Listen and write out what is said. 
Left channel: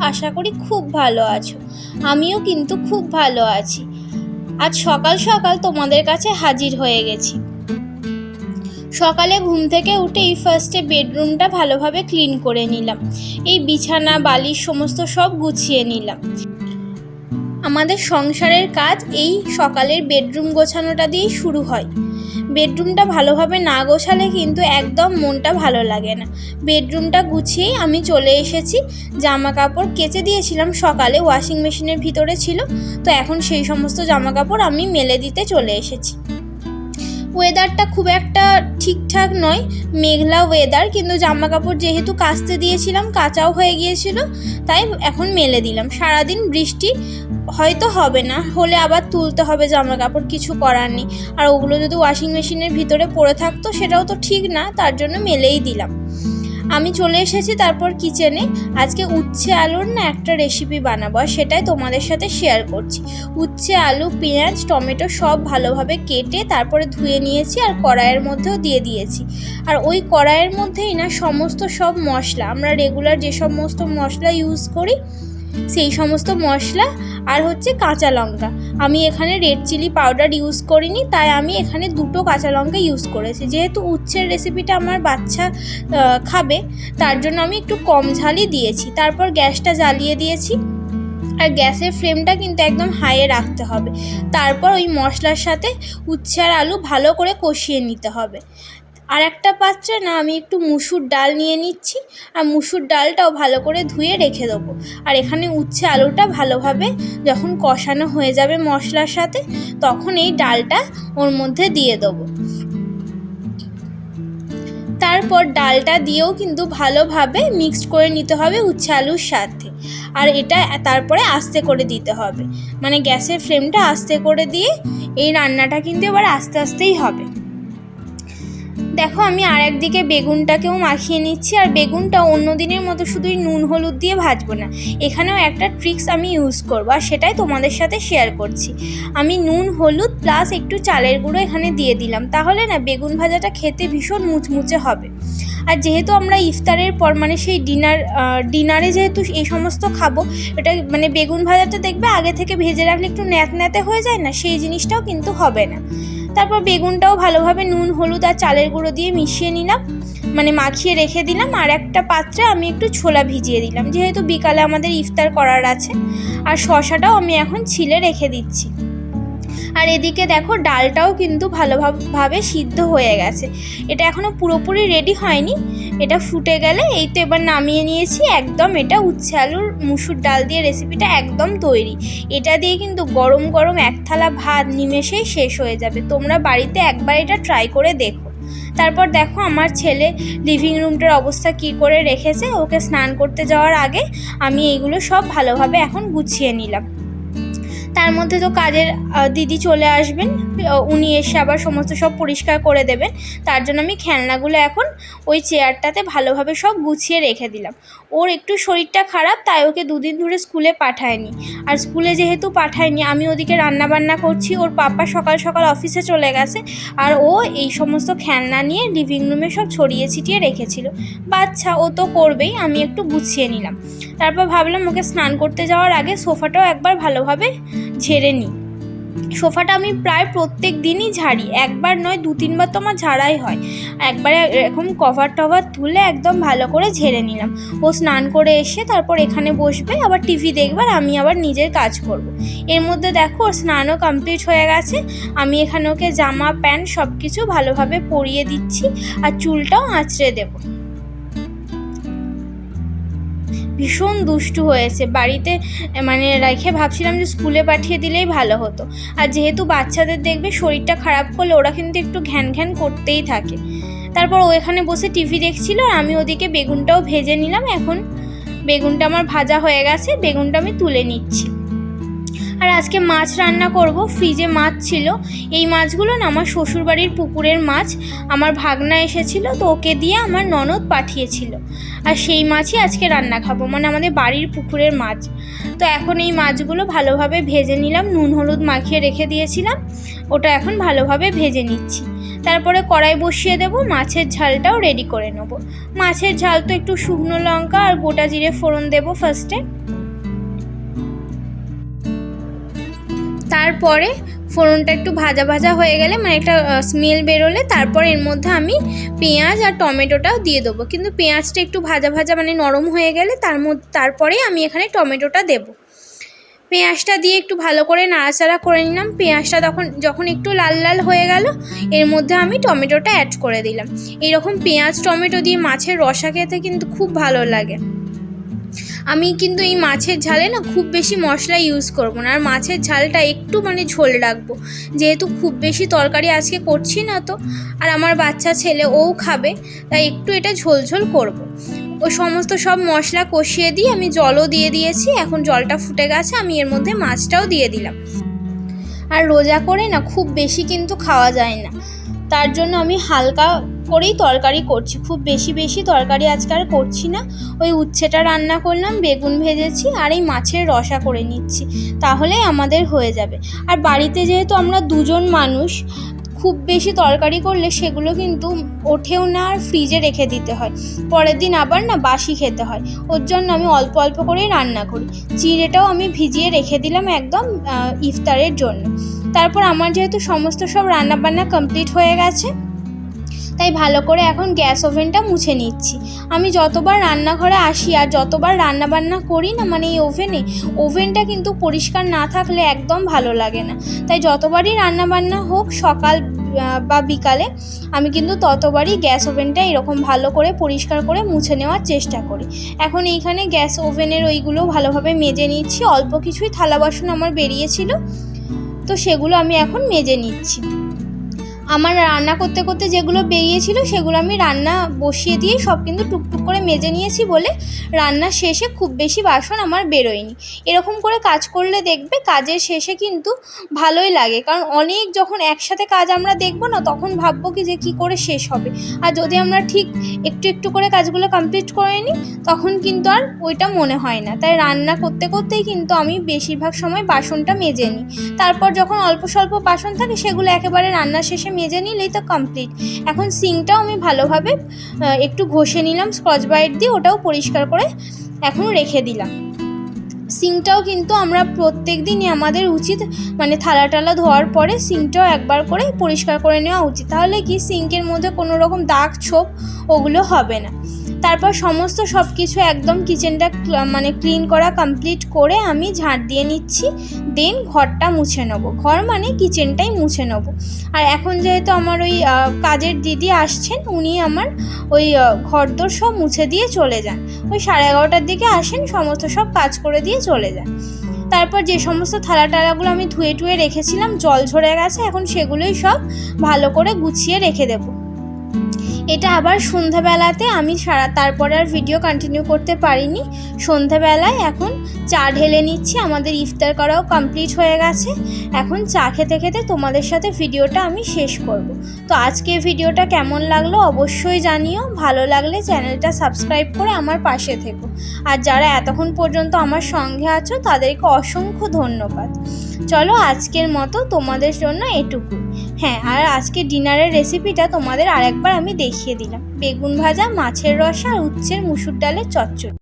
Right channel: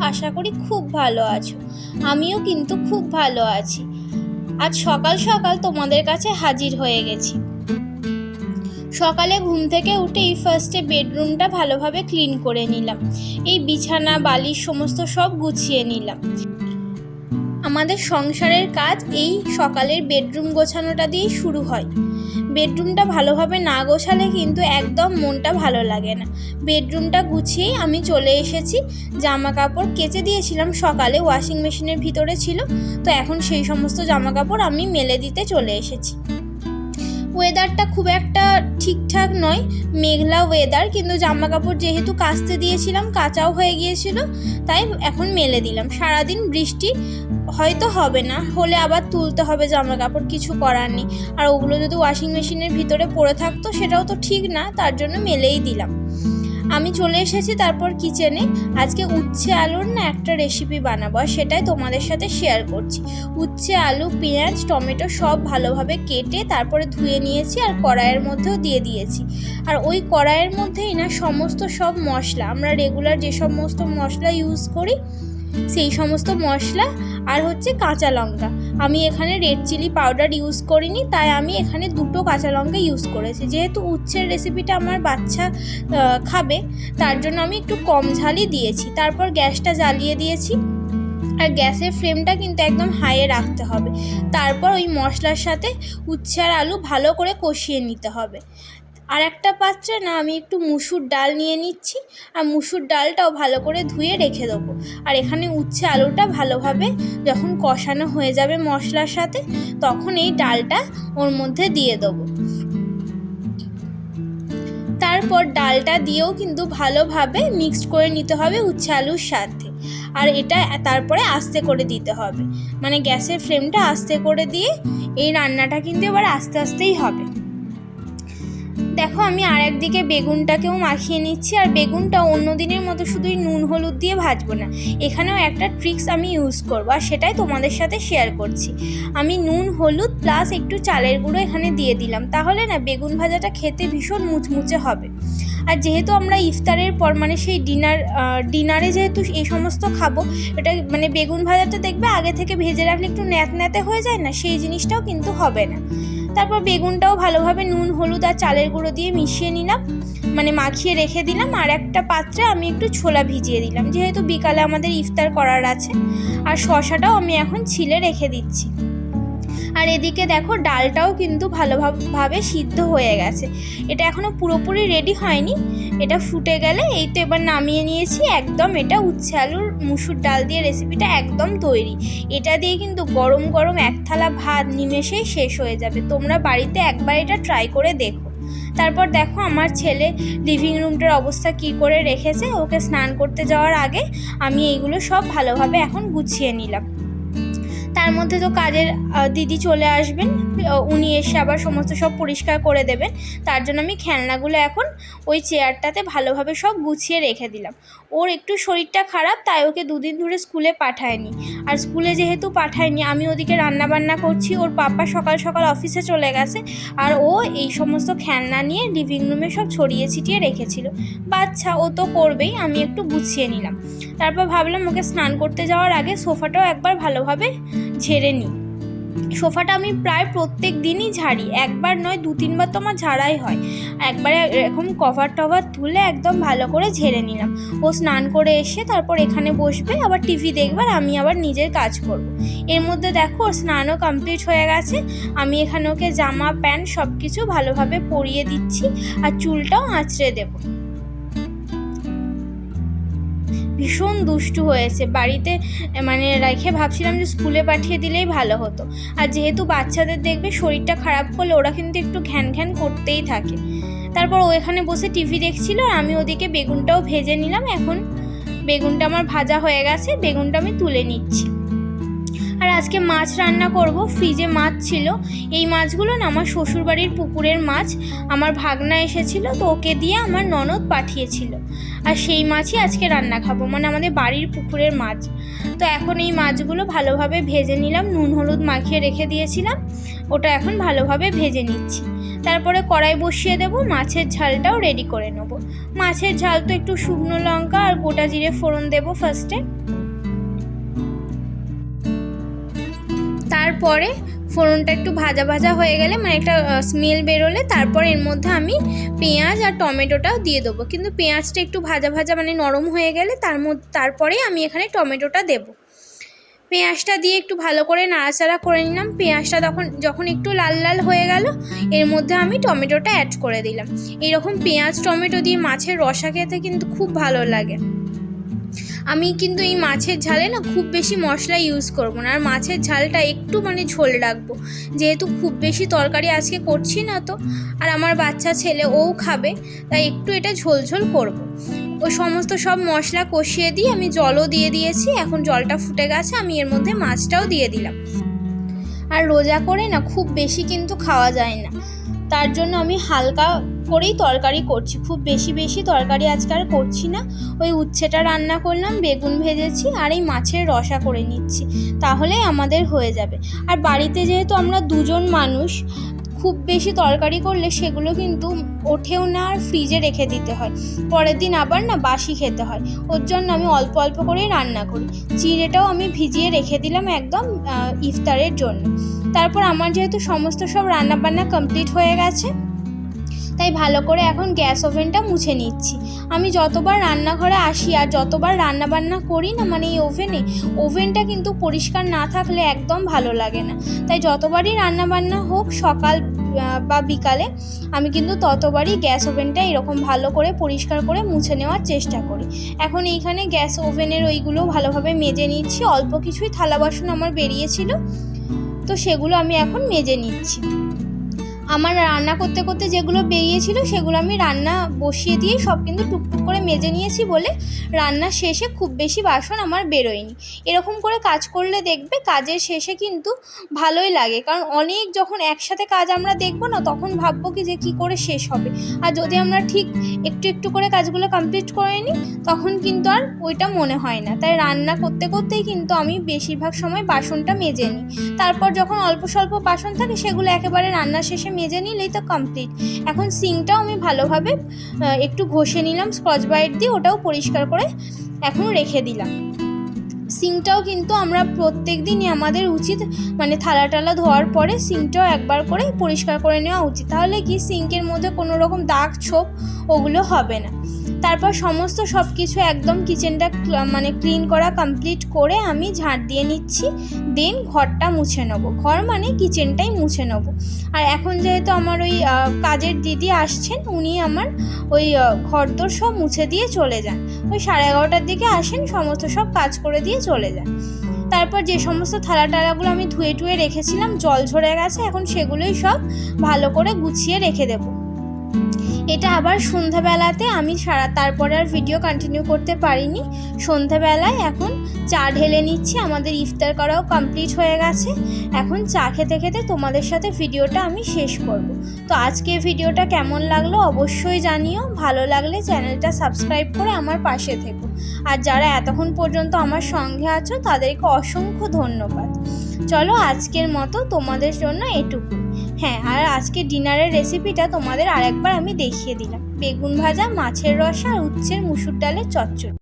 আশা করি খুব ভালো আছো। আমিও কিন্তু খুব ভালো আছি। আজ সকাল সকাল তোমাদের কাছে হাজির হয়ে গেছি। সকালে ঘুম থেকে উঠেই ফার্স্টে বেডরুমটা ভালোভাবে ক্লিন করে নিলাম। এই বিছানা, বালিশ সমস্ত সব গুছিয়ে নিলাম। আমাদের সংসারের কাজ এই সকালের বেডরুম গোছানোটা দিয়েই শুরু হয়। বেডরুমটা ভালোভাবে না গোছালে কিন্তু একদম মনটা ভালো লাগে না। বেডরুমটা গুছিয়েই আমি চলে এসেছি জামা কাপড় কেচে দিয়েছিলাম সকালে, ওয়াশিং মেশিনের ভিতরে ছিল, তো এখন সেই সমস্ত জামা কাপড় আমি মেলে দিতে চলে এসেছি। ওয়েদারটা খুব একটা ঠিকঠাক নয়। মেঘলা ওয়েদার কিন্তু জামা কাপড় যেহেতু কাচতে দিয়েছিলাম, কাঁচাও হয়ে গিয়েছিল, তাই এখন মেলে দিলাম। সারাদিন বৃষ্টি হয়তো হবে না, হলে আবার তুলতে হবে জামা কাপড় কিছু করার নেই। আর ওগুলো যদি ওয়াশিং মেশিনের ভিতরে পড়ে থাকতো, সেটাও তো ঠিক না, তার জন্য মেলেই দিলাম। আমি চলে এসেছি তারপর কিচেনে আজকে উচ্ছে আলুর না একটা রেসিপি বানাবো, আর সেটাই তোমাদের সাথে শেয়ার করছি। উচ্ছে আলু, পেঁয়াজ, টমেটো সব ভালোভাবে কেটে তারপরে ধুয়ে নিয়েছি আর কড়াইয়ের মধ্যেও দিয়ে দিয়েছি। আর ওই কড়াইয়ের মধ্যেই না সমস্ত সব মশলা, আমরা রেগুলার যে সমস্ত মশলা ইউজ করি সেই সমস্ত মশলা আর হচ্ছে কাঁচা লঙ্কা। আমি এখানে রেড চিলি পাউডার ইউজ করিনি, তাই আমি এখানে দুটো কাঁচা লঙ্কা ইউজ করেছি। যেহেতু উচ্ছের রেসিপিটা আমার বাচ্চা খাবে, তার জন্য আমি একটু কম ঝালই দিয়েছি। তারপর গ্যাসটা জ্বালিয়ে দিয়েছি। আর গ্যাসের ফ্লেমটা কিন্তু একদম হাইয়ে রাখতে হবে। তারপর ওই মশলার সাথে উচ্ছে আর আলু ভালো করে কষিয়ে নিতে হবে। আর একটা পাত্রে না আমি একটু মুসুর ডাল নিয়ে নিচ্ছি, আর মুসুর ডালটাও ভালো করে ধুয়ে রেখে দেবো। আর এখানে উচ্ছে আলুটা ভালোভাবে যখন কষানো হয়ে যাবে মশলার সাথে, তখন এই ডালটা ওর মধ্যে দিয়ে দেবো। তারপর ডালটা দিয়েও কিন্তু ভালোভাবে মিক্সড করে নিতে হবে উচ্ছে আলুর সাথে। আর এটা তারপরে আস্তে করে দিতে হবে। মানে গ্যাসের ফ্লেমটা আস্তে করে দিয়ে এই রান্নাটা কিন্তু এবার আস্তে আস্তেই হবে। দেখো, আমি আর একদিকে বেগুনটাকেও মাখিয়ে নিচ্ছি, আর বেগুনটা অন্য দিনের মতো শুধুই নুন হলুদ দিয়ে ভাজবো না। এখানেও একটা ট্রিক্স আমি ইউজ করব, আর সেটাই তোমাদের সাথে শেয়ার করছি। আমি নুন, হলুদ প্লাস একটু চালের গুঁড়ো এখানে দিয়ে দিলাম। তাহলে না, বেগুন ভাজাটা খেতে ভীষণ মুচমুচে হবে। আর যেহেতু আমরা ইফতারের পর মানে সেই ডিনার ডিনারে যেহেতু এই সমস্ত খাব, এটা মানে বেগুন ভাজাটা দেখবে আগে থেকে ভেজে রাখলে একটু ন্যাত ন্যাতে হয়ে যায় না, সেই জিনিসটাও কিন্তু হবে না। তারপর বেগুনটাও ভালোভাবে নুন, হলুদ আর চালের গুঁড়ো দিয়ে মিশিয়ে নিলাম। মানে মাখিয়ে রেখে দিলাম। আর একটা পাত্রে আমি একটু ছোলা ভিজিয়ে দিলাম। যেহেতু বিকালে আমাদের ইফতার করার আছে। আর শশাটাও আমি এখন ছিলে রেখে দিচ্ছি। আর এদিকে দেখো ডালটাও কিন্তু ভালোভাবে সিদ্ধ হয়ে গেছে। এটা এখনও পুরোপুরি রেডি হয়নি। এটা ফুটে গেলে এই তো এবার নামিয়ে নিয়েছি। একদম এটা উচ্ছে আলুর মুসুর ডাল দিয়ে রেসিপিটা একদম তৈরি। এটা দিয়ে কিন্তু গরম গরম এক থালা ভাত নিমেষেই শেষ হয়ে যাবে। তোমরা বাড়িতে একবার এটা ট্রাই করে দেখো। তারপর দেখো আমার ছেলে লিভিং রুমটার অবস্থা কি করে রেখেছে। ওকে স্নান করতে যাওয়ার আগে আমি এইগুলো সব ভালোভাবে এখন গুছিয়ে নিলাম। তার মধ্যে তো কাজের দিদি চলে আসবেন উনি এসে আবার সমস্ত সব পরিষ্কার করে দেবেন তার জন্য আমি খেলনাগুলো এখন ওই চেয়ারটাতে ভালোভাবে সব গুছিয়ে রেখে দিলাম। ওর একটু শরীরটা খারাপ, তাই ওকে দুদিন ধরে স্কুলে পাঠায়নি। আর স্কুলে যেহেতু পাঠায়নি, আমি ওদিকে রান্না বান্না করছি, ওর পাপা সকাল সকাল অফিসে চলে গেছে, আর ও এই সমস্ত খেলনা নিয়ে লিভিং রুমে সব ছড়িয়ে ছিটিয়ে রেখেছিল। বাচ্চা, ও তো করবেই, আমি একটু গুছিয়ে নিলাম। তারপর ভাবলাম ওকে স্নান করতে যাওয়ার আগে সোফাটাও একবার ভালোভাবে ঝেড়ে নিই। সোফাটা আমি প্রায় প্রত্যেক দিনই ঝাড়ি, একবার নয়, দু তিনবার তো আমার ঝাড়াই হয়। একবারে এরকম কভার টভার তুলে একদম ভালো করে ঝেড়ে নিলাম। ও স্নান করে এসে তারপর এখানে বসবে, আবার টিভি দেখবে আর আমি আবার নিজের কাজ করব। এর মধ্যে দেখো ওর স্নানও কমপ্লিট হয়ে গেছে। আমি এখানে ওকে জামা, প্যান্ট সব কিছু ভালোভাবে পরিয়ে দিচ্ছি আর চুলটাও আঁচড়ে দেবো। ভীষণ দুষ্টু হয়েছে। বাড়িতে মানে রেখে ভাবছিলাম যে স্কুলে পাঠিয়ে দিলেই ভালো হতো। আর যেহেতু বাচ্চাদের দেখবে শরীরটা খারাপ করলে ওরা কিন্তু একটু ঘ্যান ঘ্যান করতেই থাকে। তারপর ও এখানে বসে টিভি দেখছিল আর আমি ওদিকে বেগুনটাও ভেজে নিলাম। এখন বেগুনটা আমার ভাজা হয়ে গেছে, বেগুনটা আমি তুলে নিচ্ছি। আর আজকে মাছ রান্না করব। ফ্রিজে মাছ ছিল। এই মাছগুলো না আমার শ্বশুরবাড়ির পুকুরের মাছ। আমার ভাগনা এসেছিল তো ওকে দিয়ে আমার ননদ পাঠিয়েছিল। আর সেই মাছই আজকে রান্না খাব মানে আমাদের বাড়ির পুকুরের মাছ। তো এখন এই মাছগুলো ভালোভাবে ভেজে নিলাম, নুন, হলুদ মাখিয়ে রেখে দিয়েছিলাম, ওটা এখন ভালোভাবে ভেজে নিচ্ছি। তারপরে কড়াই বসিয়ে দেব, মাছের ঝালটাও রেডি করে নেব। মাছের ঝাল তো একটু শুকনো লঙ্কা আর গোটা জিরে ফোড়ন দেব ফার্স্টে তারপরে ফোড়নটা একটু ভাজা ভাজা হয়ে গেলে মানে একটা স্মেল বেরোলে তারপর এর মধ্যে আমি পেঁয়াজ আর টমেটোটাও দিয়ে দেবো। কিন্তু পেঁয়াজটা একটু ভাজা ভাজা মানে নরম হয়ে গেলে তার মধ্যে, তারপরে আমি এখানে টমেটোটা দেবো। পেঁয়াজটা দিয়ে একটু ভালো করে নাড়াচাড়া করে নিলাম। পেঁয়াজটা তখন, যখন একটু লাল লাল হয়ে গেল, এর মধ্যে আমি টমেটোটা অ্যাড করে দিলাম। এরকম পেঁয়াজ, টমেটো দিয়ে মাছের রসা খেতে কিন্তু খুব ভালো লাগে। আমি কিন্তু এই মাছের ঝালে না খুব বেশি মশলা ইউজ করব না। আর মাছের ঝালটা একটু মানে ঝোল রাখব। যেহেতু খুব বেশি তরকারি আজকে করছি না তো। আর আমার বাচ্চা ছেলে ও খাবে, তাই একটু এটা ঝোল ঝোল করব। ওই সমস্ত সব মশলা কষিয়ে দিয়ে আমি জলও দিয়ে দিয়েছি। এখন জলটা ফুটে গেছে, আমি এর মধ্যে মাছটাও দিয়ে দিলাম। আর রোজা করে না খুব বেশি কিন্তু খাওয়া যায় না। তার জন্য আমি হালকা করেই তরকারি করছি। খুব বেশি বেশি তরকারি আজকে আর করছি না। ওই উচ্ছেটা রান্না করলাম, বেগুন ভেজেছি আর এই মাছের রসা করে নিচ্ছি। তাহলে আমাদের হয়ে যাবে। আর বাড়িতে যেহেতু আমরা দুজন মানুষ, খুব বেশি তরকারি করলে সেগুলো কিন্তু ওঠেও না আর ফ্রিজে রেখে দিতে হয়। পরের দিন আবার না বাসি খেতে হয়। ওর জন্য আমি অল্প অল্প করেই রান্না করি। চিড়েটাও আমি ভিজিয়ে রেখে দিলাম একদম ইফতারের জন্য। তারপর আমার যেহেতু সমস্ত সব রান্না বান্না কমপ্লিট হয়ে গেছে তাই ভালো করে এখন গ্যাস ওভেনটা মুছে নিচ্ছি। আমি যতবার রান্নাঘরে আসি আর যতবার রান্না বান্না করি না মানে এই ওভেনে, ওভেনটা কিন্তু পরিষ্কার না থাকলে একদম ভালো লাগে না। তাই যতবারই রান্না বান্না হোক সকাল বা বিকালে, আমি কিন্তু ততবারই গ্যাস ওভেনটা এরকম ভালো করে পরিষ্কার করে মুছে নেওয়ার চেষ্টা করি। এখন এইখানে গ্যাস ওভেনের ওইগুলো ভালোভাবে মেজে নিচ্ছি। অল্প কিছুই থালা বাসন আমার বেরিয়েছিল, তো সেগুলো আমি এখন মেজে নিচ্ছি। আমার রান্না করতে করতে যেগুলো বেরিয়েছিল সেগুলো আমি রান্না বসিয়ে দিয়ে সব কিন্তু টুকটুক করে মেজে নিয়েছি বলে রান্না শেষে খুব বেশি বাসন আমার বেরোয়নি। এরকম করে কাজ করলে দেখবে কাজের শেষে কিন্তু ভালোই লাগে। কারণ অনেক যখন একসাথে কাজ আমরা দেখব না, তখন ভাববো কি যে কী করে শেষ হবে। আর যদি আমরা ঠিক একটু একটু করে কাজগুলো কমপ্লিট করে নিই, তখন কিন্তু আর ওইটা মনে হয় না। তাই রান্না করতে করতেই কিন্তু আমি বেশিরভাগ সময় বাসনটা মেজে নিই। তারপর যখন অল্প স্বল্প বাসন থাকে, সেগুলো একেবারে রান্না শেষে মেজে নিলেই তো কমপ্লিট এখন সিংটাও আমি ভালোভাবে একটু ঘষে নিলাম স্কচ ব্রাইট দিয়ে ওটাও পরিষ্কার করে এখন রেখে দিলাম। সিংটাও কিন্তু আমরা প্রত্যেক দিনই আমাদের উচিত মানে থালা টালা ধোয়ার পরে সিংটাও একবার করে পরিষ্কার করে নেওয়া উচিত। তাহলে কি সিঙ্কের মধ্যে কোনো রকম দাগ ছোপ ওগুলো হবে না। তারপর সমস্ত সব কিছু একদম কিচেনটা মানে ক্লিন করা কমপ্লিট করে আমি ঝাঁট দিয়ে নিচ্ছি। দেন ঘরটা মুছে নেব। ঘর মানে কিচেনটাই মুছে নেব। আর এখন যেহেতু আমার ওই কাজের দিদি আসছেন, উনি আমার ওই ঘর ঘরদোর সব মুছে দিয়ে চলে যান। ওই সাড়ে এগারোটার দিকে আসেন, সমস্ত সব কাজ করে দিয়ে চলে যান। তারপর যে সমস্ত থালা টালাগুলো আমি ধুয়ে টুয়ে রেখেছিলাম, জল ঝরে গেছে, এখন সেগুলোই সব ভালো করে গুছিয়ে রেখে দেবো। এটা আবার সন্ধ্যাবেলাতে আমি সারা, তারপরে আর ভিডিও কন্টিনিউ করতে পারিনি। সন্ধ্যাবেলায় এখন চা ঢেলে নিচ্ছি, আমাদের ইফতার করাও কমপ্লিট হয়ে গেছে। এখন চা খেতে খেতে তোমাদের সাথে ভিডিওটা আমি শেষ করব। তো আজকে ভিডিওটা কেমন লাগল অবশ্যই জানিও, ভালো লাগলে চ্যানেলটা সাবস্ক্রাইব করে আমার পাশে থেকো। আর যারা এতক্ষণ পর্যন্ত আমার সঙ্গে আছো, তাদেরকে অসংখ্য ধন্যবাদ। চলো আজকের মতো তোমাদের জন্য এটুকু হ্যাঁ আর আজকে ডিনারের রেসিপিটা তোমাদের আরেকবার আমি দেখিয়ে দিলাম। বেগুন ভাজা, মাছের রসা আর উচ্ছের মুসুর ডালের চচ্চড়ি।